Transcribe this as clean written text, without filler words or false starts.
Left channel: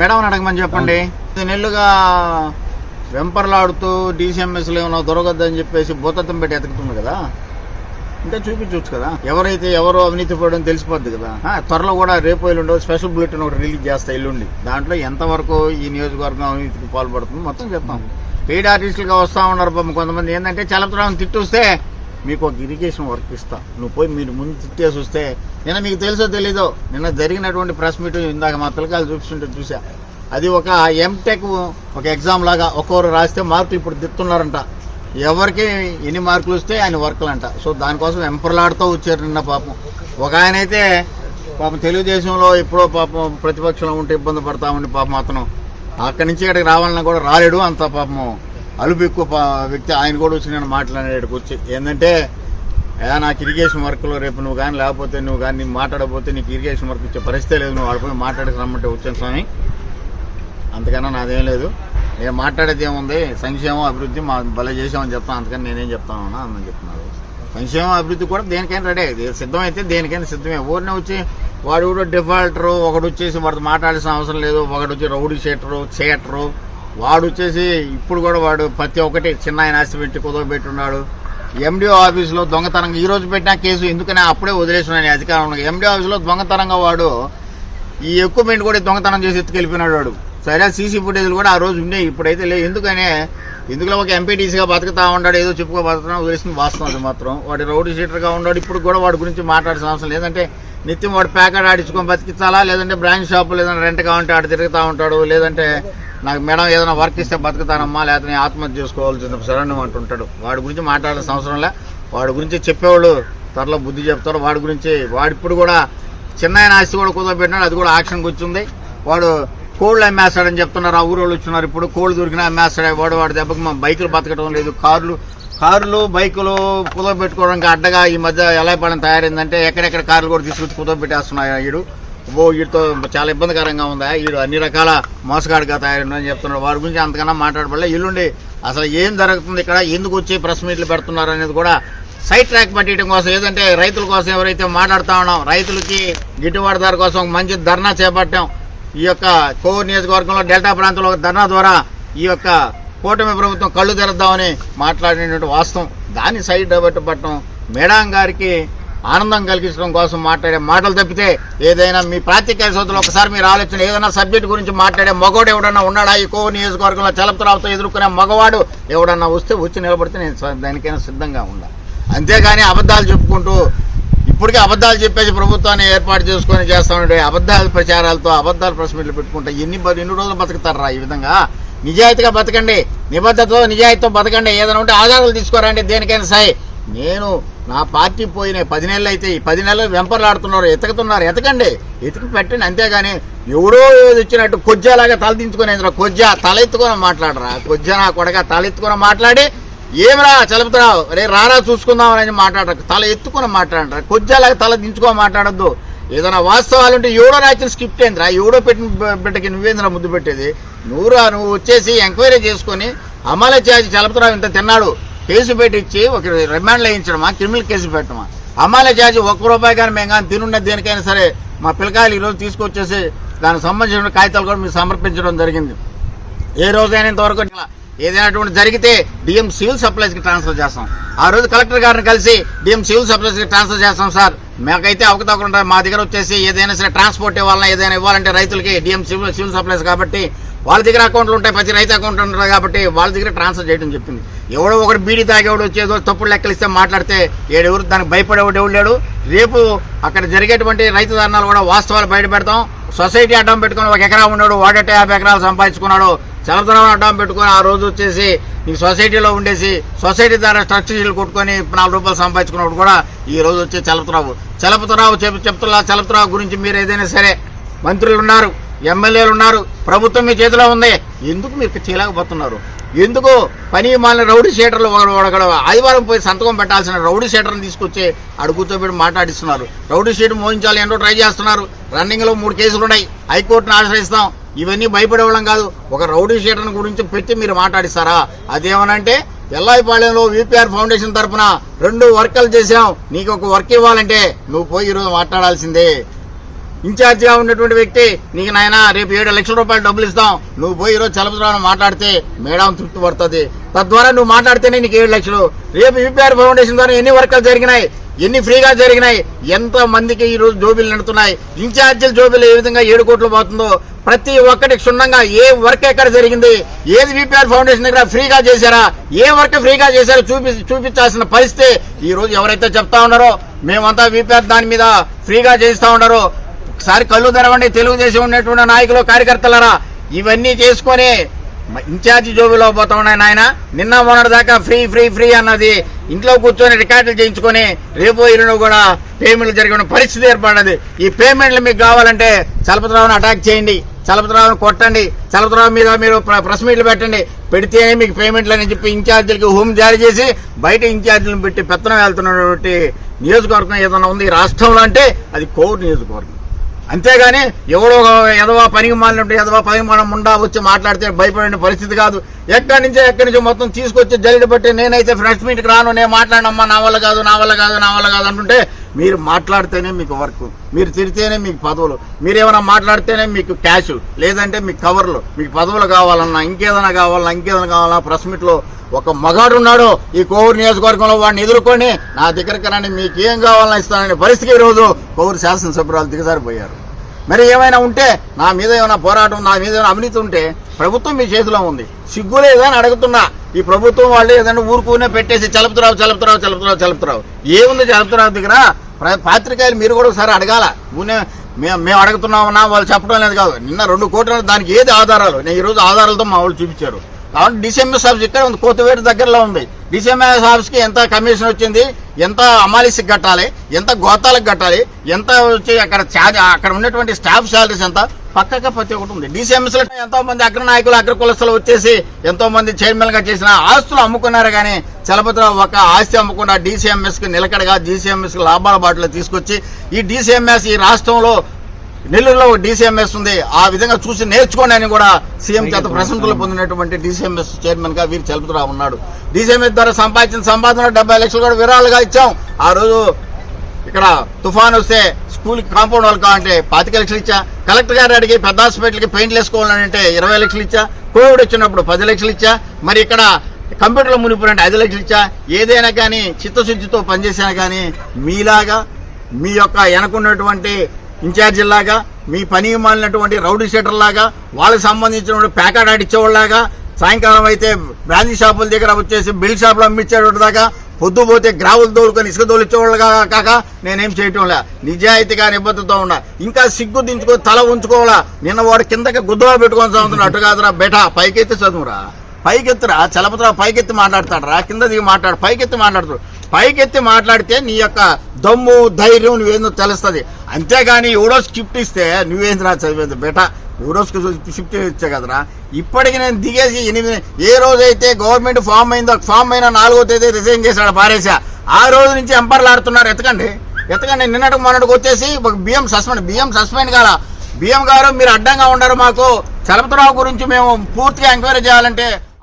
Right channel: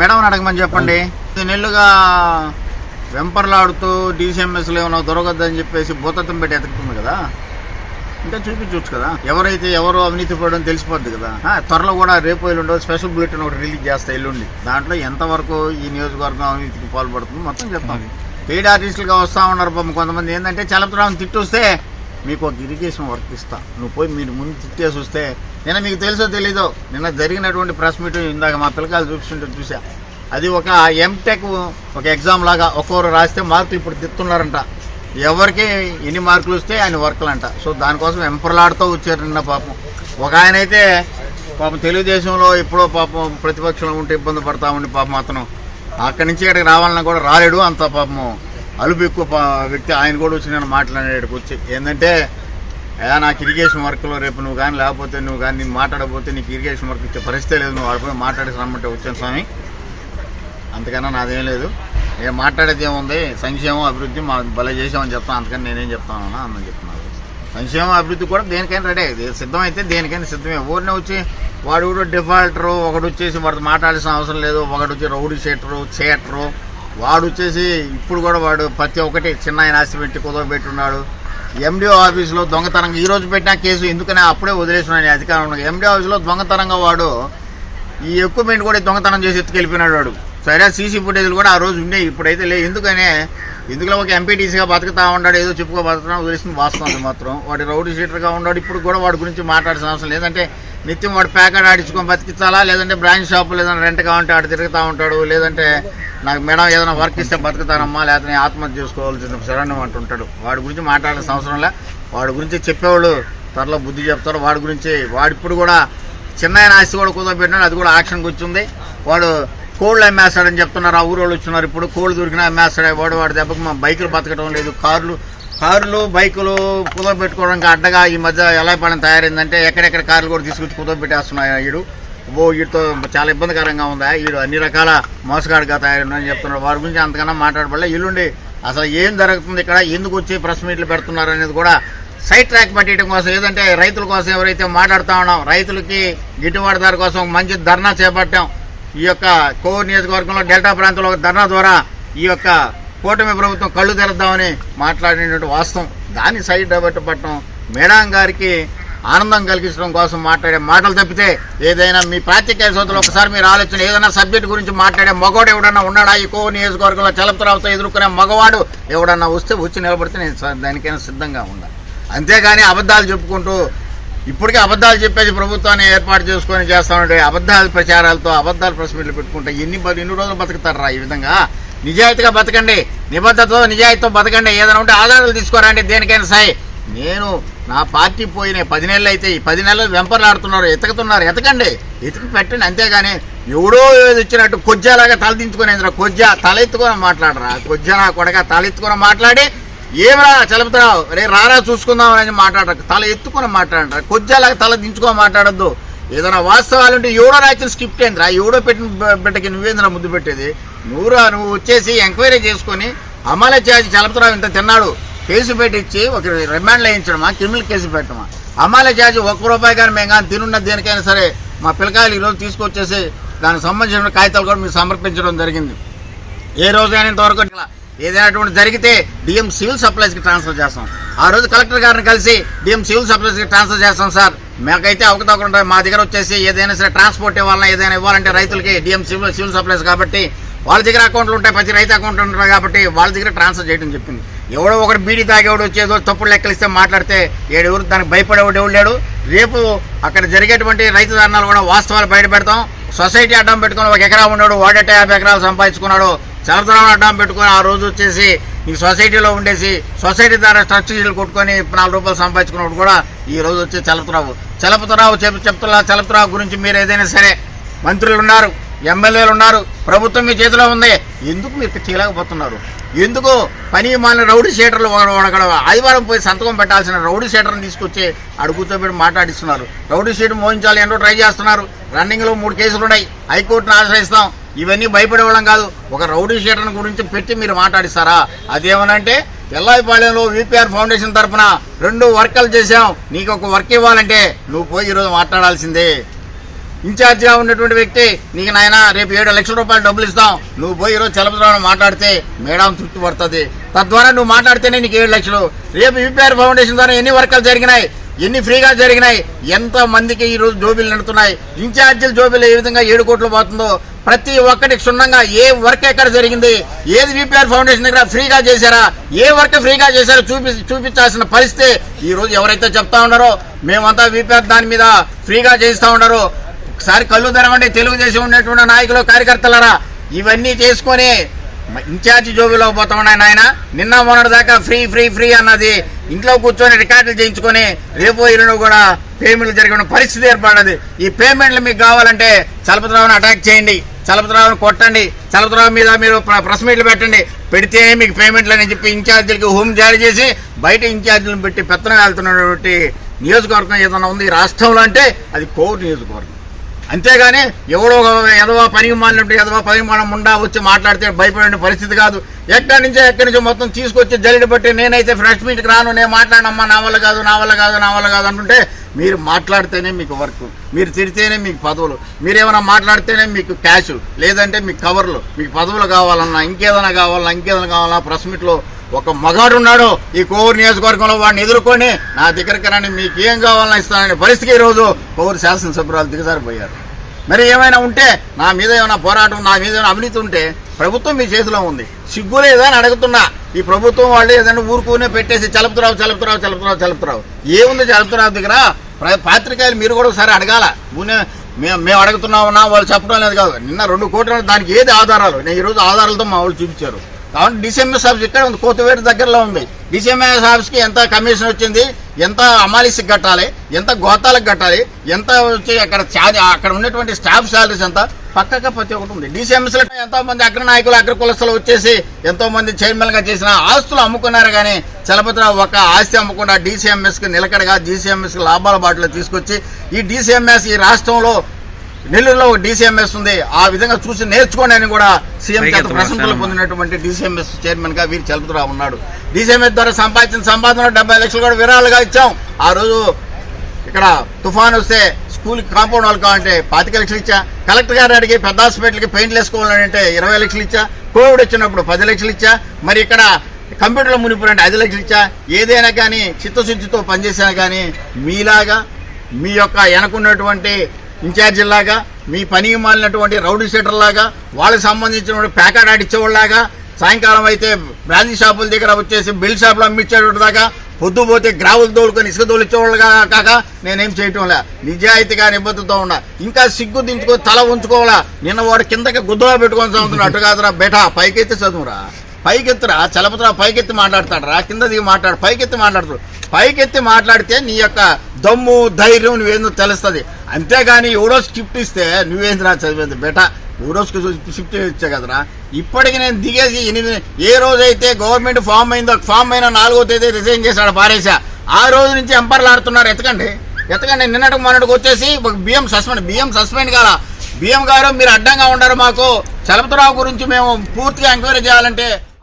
Madam అడగమని చెప్పండి. 10 నెలలుగా వెంపర్లాడుతూ డీసీఎంఎస్లో ఏమన్నా దొరకద్దని చెప్పేసి భూతత్వం పెట్టి ఎతుకుతుంది కదా, ఇంకా చూపించవచ్చు కదా. ఎవరు అవినీతి పడడం తెలిసిపోద్ది కదా. త్వరలో కూడా రేపు ఎల్లుండో స్పెషల్ బులెటిన్ ఒకటి రిలీజ్ చేస్తా ఎల్లుండి. దాంట్లో ఎంతవరకు ఈ నియోజకవర్గం అవినీతికి పాల్పడుతుంది మొత్తం చెప్తాం. పెయిడ్ ఆర్టిస్టులుగా వస్తూ ఉన్నారు కొంతమంది. ఏంటంటే చలపతిరావుని తిట్టొస్తే మీకు ఒక ఇరిగేషన్ వర్క్ ఇస్తా, నువ్వు పోయి మీరు ముందు తిట్టేసి వస్తే, నిన్న మీకు తెలుసో తెలీదో, నిన్న జరిగినటువంటి ప్రెస్ మీట్ ఇందాక మా పిల్లకాయలు చూపిస్తుంటే చూసా. అది ఒక ఎంటెక్ ఒక ఎగ్జామ్ లాగా ఒక్కొక్కరు రాస్తే మార్కులు ఇప్పుడు దిస్తున్నారంట. ఎవరికి ఎన్ని మార్కులు వస్తే ఆయన వర్కులు అంట. సో దానికోసం వెంపర్లాడుతూ వచ్చారు నిన్న. పాపం ఒక ఆయన అయితే పాపం తెలుగుదేశంలో ఎప్పుడో పాపం ప్రతిపక్షంలో ఉంటే ఇబ్బంది పడతా ఉండి పాపం అతను అక్కడి నుంచి ఇక్కడికి రావాలన్నా కూడా రాలేడు. అంత పాపం అలుపు ఎక్కువ వ్యక్తి. ఆయన కూడా వచ్చి నేను మాట్లాడేటికి వచ్చి ఏంటంటే, నాకు ఇరిగేషన్ వర్క్లో రేపు నువ్వు కానీ లేకపోతే నువ్వు కానీ నేను మాట్లాడకపోతే నీకు ఇరిగేషన్ వర్క్ ఇచ్చే పరిస్థితి లేదు, నువ్వు వాడిపోయి మాట్లాడేసి రమ్మంటే వచ్చాను స్వామి, అంతకన్నా నాదేం లేదు. నేను మాట్లాడేది ఏముంది, సంక్షేమం అభివృద్ధి మా భలే చేసామని చెప్తాను, అంతకని నేనేం చెప్తానన్నా అని చెప్తున్నాను. సంక్షేమ అభివృద్ధి కూడా దేనికైనా రెడీ, సిద్ధమైతే దేనికైనా సిద్ధమే. ఊరినే వచ్చి వాడు కూడా డిఫాల్టరు, ఒకడు వచ్చేసి వాడితో మాట్లాడాల్సిన అవసరం లేదు, ఒకడు వచ్చి రౌడీ చేటరు, వాడు వచ్చేసి ఇప్పుడు కూడా వాడు ప్రతి ఒక్కటి చిన్న ఆయన ఆస్తి పెట్టి కుదవబెట్టున్నాడు. ఎండిఓ ఆఫీసులో దొంగతనంగా ఈ రోజు పెట్టిన కేసు ఎందుకని అప్పుడే వదిలేసిన అధికారంలో. ఎండిఓ ఆఫీసులో దొంగతనంగా వాడు ఈ ఎక్విప్మెంట్ కూడా దొంగతనం చేసి ఎత్తుకెళ్ళిపోయినాడు వాడు. సరే సీసీ ఫుటేజ్లు కూడా ఆ రోజు ఉండేవి, ఇప్పుడైతే లేదు. ఎందుకులో ఒక ఎంపీటీసీగా బతుకుతా ఉన్నాడు, ఏదో చెప్పుకో బతుకున్నా వదిలేసింది వాస్తవం. అది మాత్రం వాడు రౌడీ షీటర్గా ఉన్నాడు. ఇప్పుడు కూడా వాడి గురించి మాట్లాడాల్సిన అవసరం లేదంటే నిత్యం వాడు ప్యాకెట్ ఆడించుకొని బతికించాలా, లేదంటే బ్రాంచ్ షాపు లేదంటే రెంట్ కావాలంటే ఆడు తిరుగుతూ ఉంటాడు, లేదంటే నాకు మేడం ఏదైనా వర్క్ ఇస్తే బతుకుతానమ్మా, లేకపోతే నేను ఆత్మహత్య చేసుకోవాల్సింది శరణ్యం అంటుంటాడు. వాడి గురించి మాట్లాడాల్సిన అవసరంలే. వాడి గురించి చెప్పేవాళ్ళు త్వరలో బుద్ధి చెప్తారు. వాడి గురించి వాడిప్పుడు కూడా చిన్న ఆస్తి కూడా కుదరబెట్టినాడు, అది కూడా యాక్షన్కి వచ్చింది. వాడు కోళ్ళు అమ్మేస్తాడని చెప్తున్నారు, ఆ ఊరోళ్ళు వచ్చినారు. ఇప్పుడు కోళ్ళు దొరికినా అమ్మేస్తాడు వాడి దెబ్బకి మా బైకులు బతకడం లేదు. కార్లు బైకులు కుదరబెట్టుకోవడానికి అడ్డగా ఈ మధ్య ఎలా పడడం తయారైందంటే ఎక్కడెక్కడ కార్లు కూడా తీసుకొచ్చి కుదరబెట్టేస్తున్నాయి. వీటితో చాలా ఇబ్బందికరంగా ఉందా, వీడు అన్ని రకాల మోసగాడిగా తయారైందని చెప్తున్నారు. వారి గురించి అంతకన్నా మాట్లాడబడలే. ఎల్లుండి అసలు ఏం జరుగుతుంది ఇక్కడ, ఎందుకు వచ్చి ప్రెస్ మీట్లు పెడుతున్నారు అనేది కూడా సైడ్ ట్రాక్ పట్టడం కోసం, ఏదంటే రైతుల కోసం ఎవరైతే మాట్లాడుతా ఉన్నాం, రైతులకి గిట్టుబాటు ధర కోసం మంచి ధర్నా చేపట్టాం. ఈ యొక్క కోవూరు నియోజకవర్గంలో డెల్టా ప్రాంతంలో ధర్నా ద్వారా ఈ యొక్క కూటమి ప్రభుత్వం కళ్ళు తెరద్దామని మాట్లాడినటువంటి వాస్తవం. దాన్ని సైడ్ డైవర్ట్ పట్టడం, మేడం గారికి ఆనందం కలిగించడం కోసం మాట్లాడే మాటలు తప్పితే ఏదైనా మీ ప్రాతికేయ సోదరులు ఒకసారి మీరు ఆలోచన, ఏదైనా సబ్జెక్ట్ గురించి మాట్లాడే మగవాడు ఎవడన్నా ఉన్నాడా ఈ కోవూరు నియోజకవర్గంలో? చలపతిరావుతో ఎదుర్కొనే మగవాడు ఎవడన్నా వచ్చి నిలబడితే నేను దానికైనా సిద్ధంగా ఉండాలి. అంతేగాని అబద్ధాలు చెప్పుకుంటూ ఇప్పటికే అబద్ధాలు చెప్పేసి ప్రభుత్వాన్ని ఏర్పాటు చేసుకొని చేస్తామంటే అబద్ధాల ప్రచారాలతో అబద్ధాల ప్రెస్ మీట్లు పెట్టుకుంటే ఎన్ని రోజులు బతుకుతారా? ఈ విధంగా నిజాయితీగా బతకండి, నిబద్ధతతో నిజాయితీతో బతకండి. ఏదైనా ఉంటే ఆధారాలు తీసుకోరండి, దేనికైనా సై. నేను నా పార్టీ పోయిన 10 నెలలు అయితే ఈ 10 నెలలు వెంపర్లాడుతున్నారు, ఎతకండి, ఎతికి పెట్టండి. అంతేగాని ఎవడో ఏది వచ్చినట్టు కొజ్జాలాగా తలదించుకునేందుకు కొజ్జా తల ఎత్తుకొని మాట్లాడరా, కొజ్జా నా కొడగా తల ఎత్తుకొని మాట్లాడి ఏమిరా చలుపుతున్నావు రే రారా చూసుకుందాం అని మాట్లాడరు, తల ఎత్తుకొని మాట్లాడరా, కొజ్జాలాగా తల దించుకొని మాట్లాడద్దు. ఏదైనా వాస్తవాలుంటే ఎవడో రాత్రి స్కిప్ట్ అయిందిరా, ఎవడో పెట్టిన బిడ్డకి నువ్వేంద్రా ముద్దు పెట్టేది? నువ్వు వచ్చేసి ఎంక్వైరీ చేసుకొని అమలు చేసి చలుపుతున్నావు ఇంత తిన్నాడు కేసు పెట్టించి ఒక రిమాండ్లో వేయించడమా, క్రిమినల్ కేసు పెట్టడమా? అమలు చేసి ₹1 కానీ మేము కానీ తినున్న దేనికైనా సరే మా పిల్లకాయలు ఈరోజు తీసుకొచ్చేసి దానికి సంబంధించిన కాగితాలు కూడా మీకు సమర్పించడం జరిగింది. ఏ రోజైనా ఇంతవరకు ఏదైనా జరిగితే డిఎం సివిల్ సప్లైస్కి ట్రాన్స్ఫర్ చేస్తాం. ఆ రోజు కలెక్టర్ గారిని కలిసి డిఎం సివిల్ సప్లైస్కి ట్రాన్స్ఫర్ చేస్తాం సార్, మాకైతే అవకతవకలు మా దగ్గర వచ్చేసి ఏదైనా సరే ట్రాన్స్పోర్ట్ ఇవ్వాలన్నా ఏదైనా ఇవ్వాలంటే రైతులకి డిఎం సివిల్ సప్లైస్ కాబట్టి వాళ్ళ దగ్గర అకౌంట్లు ఉంటాయి, ప్రతి రైతు అకౌంట్ ఉంటారు కాబట్టి వాళ్ళ దగ్గర ట్రాన్స్ఫర్ చేయడం చెప్పింది. ఎవడో ఒకటి బీడీ తాగేవాడు వచ్చేదో తప్పుడు లెక్కలిస్తే మాట్లాడితే ఎవరు దానికి భయపడేవాడు ఎవడు లేడు. రేపు అక్కడ జరిగేటువంటి రైతు ధర్నాలు కూడా వాస్తవాలు బయట పెడతాం. సొసైటీ అడ్డం పెట్టుకుని 1 ఎకరా ఉన్నాడు, వాడేట 50 ఎకరాలు సంపాదించుకున్నాడు. చలపతిరావు అడ్డం పెట్టుకుని ఆ రోజు వచ్చేసి నీకు సొసైటీలో ఉండేసి సొసైటీ ద్వారా స్ట్రక్చర్లు కొట్టుకొని ₹4 సంపాదించుకున్నప్పుడు కూడా ఈ రోజు వచ్చే చలపతిరావు చలపతిరావు గురించి మీరు ఏదైనా సరే మంత్రులు ఉన్నారు, ఎమ్మెల్యేలు ఉన్నారు, ప్రభుత్వం మీ చేతిలో ఉంది, ఎందుకు మీరు చేయలేకపోతున్నారు? ఎందుకు పని మాలిన రౌడీ షీటర్లు ఆదివారం పోయి సంతకం పెట్టాల్సిన రౌడీ షీటర్ని తీసుకొచ్చి అడుగుతో పెట్టి మాట్లాడిస్తున్నారు. రౌడీ షీటర్ మోయించాలి ఏంటో ట్రై చేస్తున్నారు. రన్నింగ్లో 3 కేసులు ఉన్నాయి, హైకోర్టును ఆశ్రయిస్తాం. ఇవన్నీ భయపడేవాళ్ళం కాదు. ఒక రౌడీ షీటర్ని గురించి పెట్టి మీరు మాట్లాడిస్తారా? అదేమనంటే ఎల్లాయిపాళెంలో విపిఆర్ ఫౌండేషన్ తరఫున 2 వర్కులు చేశాం, నీకు ఒక వర్క్ ఇవ్వాలంటే నువ్వు పోయి ఈరోజు మాట్లాడాల్సిందే. ఇన్ఛార్జిగా ఉన్నటువంటి వ్యక్తి నీకు నాయన రేపు 7 లక్షల రూపాయలు డబ్బులు ఇస్తాం, నువ్వు పోయి ఈరోజు చలపతిరావు మాట్లాడితే మేడం తృప్తి పడుతుంది, తద్వారా నువ్వు మాట్లాడితేనే నీకు 7 లక్షలు. రేపు యూపీఆర్ ఫౌండేషన్ ద్వారా ఎన్ని వర్కులు జరిగినాయి, ఎన్ని ఫ్రీగా జరిగినాయి, ఎంత మందికి ఈ రోజు జోబీలు నడుతున్నాయి, ఇన్ఛార్జీల జోబీలు ఏ విధంగా 7 కోట్లు పోతుందో ప్రతి ఒక్కటి క్షుణ్ణంగా ఏ వర్క్ ఎక్కడ జరిగింది, ఏది యూపీఆర్ ఫౌండేషన్ దగ్గర ఫ్రీగా చేశారా, ఏ వర్క్ ఫ్రీగా చేశారో చూపించాల్సిన పరిస్థితి ఈ రోజు ఎవరైతే చెప్తా ఉన్నారో మేమంతా యూపీఆర్ దాని మీద ఫ్రీగా చేయిస్తా ఉన్నారో ఒకసారి కళ్ళు తెరవండి. తెలుగుదేశం ఉన్నటువంటి నాయకులు కార్యకర్తలరా, ఇవన్నీ చేసుకొని ఇన్ఛార్జి జోబీలో పోతా ఉన్నాయి నాయన. నిన్న మొన్నటి దాకా ఫ్రీ ఫ్రీ ఫ్రీ అన్నది ఇంట్లో కూర్చొని రికార్డులు చేయించుకొని రేపు ఇరును కూడా పేమెంట్లు జరిగిన పరిస్థితి ఏర్పడదు. ఈ పేమెంట్లు మీకు కావాలంటే చలపతిరావుని అటాక్ చేయండి, చలపతిరావుని కొట్టండి, చలపతిరావు మీద మీరు ప్రెస్ మీట్లు పెట్టండి, పెడితేనే మీకు పేమెంట్లు అని చెప్పి ఇన్ఛార్జీలకి హోమ్ జారీ చేసి బయట ఇన్ఛార్జీలను పెట్టి పెత్తనం వెళ్తున్నటువంటి నియోజకవర్గం ఏదైనా ఉంది ఈ రాష్ట్రంలో అంటే అది కోవూరు నియోజకవర్గం. అంతేగాని ఎవడో ఎదవా పనికి మాలినట్టు ఎదవా పనికి మనం ఉండా వచ్చి మాట్లాడితే భయపడే పరిస్థితి కాదు. ఎక్కడి నుంచో మొత్తం తీసుకొచ్చి జల్లిడి బట్టి నేనైతే ఫ్రెష్ మీట్కి రాను, నేను మాట్లాడనమ్మా, నా వల్ల కాదు నా వల్ల కాదు నా వల్ల కాదు అంటుంటే మీరు మాట్లాడితేనే మీకు వర్క్, మీరు తిడితేనే మీకు పదవులు, మీరేమైనా మాట్లాడితేనే మీకు క్యాష్, లేదంటే మీకు కవర్లు, మీకు పదవులు కావాలన్నా ఇంకేదైనా కావాలన్నా ప్రెస్ మీట్లో ఒక మగాడు ఉన్నాడు ఈ కోవూరు నియోజకవర్గంలో, వాడిని ఎదుర్కొని నా దగ్గరికి రాని మీకు ఏం కావాలన్నా ఇస్తాననే పరిస్థితికి ఈరోజు కోవూరు శాసనసభ్యురాలు దిగజారిపోయారు. మరి ఏమైనా ఉంటే నా మీద ఏమైనా పోరాటం, నా మీద ఏమైనా అవినీతి ఉంటే ప్రభుత్వం మీ చేతిలో ఉంది, సిగ్గులేదని అడుగుతున్నా. ఈ ప్రభుత్వం వాళ్ళు ఏదైనా ఊరుకునే పెట్టేసి చలపతిరావు ఏముంది చలపతిరావు దగ్గర? పాత్రికేయులు మీరు కూడా ఒకసారి అడగాల. మేము అడుగుతున్నామన్నా వాళ్ళు చెప్పడం లేదు కాదు. నిన్న 2 కోట్ల దానికి ఏది ఆధారాలు, నేను ఈరోజు ఆధారాలతో మా వాళ్ళు చూపించారు. కాబట్టి డిసిఎంఎస్ ఆఫీస్ ఇక్కడ ఉంది, కోతవేరు దగ్గరలో ఉంది. డిసిఎంఎస్ ఆఫీస్కి ఎంత కమిషన్ వచ్చింది, ఎంత అమాలిసికి కట్టాలి, ఎంత గోతాలకు కట్టాలి, ఎంత వచ్చి అక్కడ ఉన్నటువంటి స్టాఫ్ శాలరీస్ ఎంత పక్కగా ప్రతి ఒకటి ఉంది. డిసిఎంఎస్ లో ఎంతో మంది అగ్ర నాయకులు అగ్ర కులస్తులు వచ్చేసి ఎంతో మంది చైర్మన్ గా చేసిన ఆస్తులు అమ్ముకున్నారు. కానీ చలపతిరావు ఒక ఆస్తి అమ్మకుండా డిసిఎంఎస్ కి నిలకడగా డిసిఎంఎస్ కి లాభాల బాటలో తీసుకొచ్చి ఈ డిసిఎంఎస్ ఈ రాష్ట్రంలో నెల్లూరులో డిసిఎంఎస్ ఉంది, ఆ విధంగా చూసి నేర్చుకోండి అని కూడా సీఎం చేత ప్రశంసలు పొందినటువంటి డిసిఎంఎస్ చైర్మన్ గా వీరు చలపతిరావు ఉన్నాడు. డిసిఎంఎస్ ద్వారా సంపాదించిన సంపాదన 70 లక్షలు కూడా విరాళాలుగా ఇచ్చాం. ఆ రోజు ఇక్కడ తుఫాన్ వస్తే స్కూల్ కాంపౌండ్ వాళ్ళు కావాలంటే 25 లక్షలు ఇచ్చా, కలెక్టర్ గారు అడిగి పెద్ద హాస్పిటల్కి పెయింట్లు వేసుకోవాలంటే 20 లక్షలు ఇచ్చా, కోవిడ్ వచ్చినప్పుడు 10 లక్షలు ఇచ్చా, మరి ఇక్కడ కంప్యూటర్లో మునిపోయినట్టు 5 లక్షలు ఇచ్చా. ఏదైనా కానీ చిత్తశుద్ధితో పనిచేసినా కానీ మీలాగా మీ యొక్క వెనకున్నటువంటి ఇన్ఛార్జిలాగా మీ పని మాలినటువంటి రౌడీ షీటర్ లాగా వాళ్ళకి సంబంధించినటువంటి ప్యాకెట్ ఆడిచ్చేవాళ్ళలాగా సాయంకాలం అయితే బ్రాంచీ షాపుల దగ్గర వచ్చేసి బిల్ షాపులు అమ్మించేటట్టు దాకా పొద్దుపోతే గ్రావులు తోలుకొని ఇసుక తోలిచ్చేవాళ్ళు కాక నేనేం చేయటంలే, నిజాయితీగా నిబద్ధతతో ఉన్నా. ఇంకా సిగ్గు దించుకొని తల ఉంచుకోవాలా. నిన్న వాడు కిందకి గుద్దలో పెట్టుకొని చదువుతున్నా, అటు కాదురా బేటా పైకెత్తి చదువురా, పైకెత్తురా. చలపతిరావు పైకెత్తి మాట్లాడతాడరా, కింద దిగి మాట్లాడు, పైకెత్తి మాట్లాడుతాడు. పైకెత్తి మాట్లాడితే నీ యొక్క దమ్ము ధైర్యం నువ్వేందో తెలుస్తుంది. అంతేగాని ఎవడో స్క్రిప్ట్ ఇస్తే నువ్వేంద్రా చదివేది బేటా, ఎవరో స్క్రిప్ట్ ఇచ్చా కదరా. ఇప్పటికి నేను దిగేసి 8 ఏ రోజైతే గవర్నమెంట్ ఫామ్ అయిందో ఫామ్ అయిన 4వ తేదీ రిజైన్ చేశాడు పారేసా. ఆ రోజు నుంచి ఎంపర్లు ఆడుతున్నారు. ఎతకండి నిన్నటికి మొన్నటికి వచ్చేసి బియ్యం సస్పెండ్ కాల. బియ్యం గారు మీరు అడ్డంగా ఉండరు, మాకు చలపతిరావు గురించి మేము పూర్తిగా ఎంక్వైరీ చేయాలంటే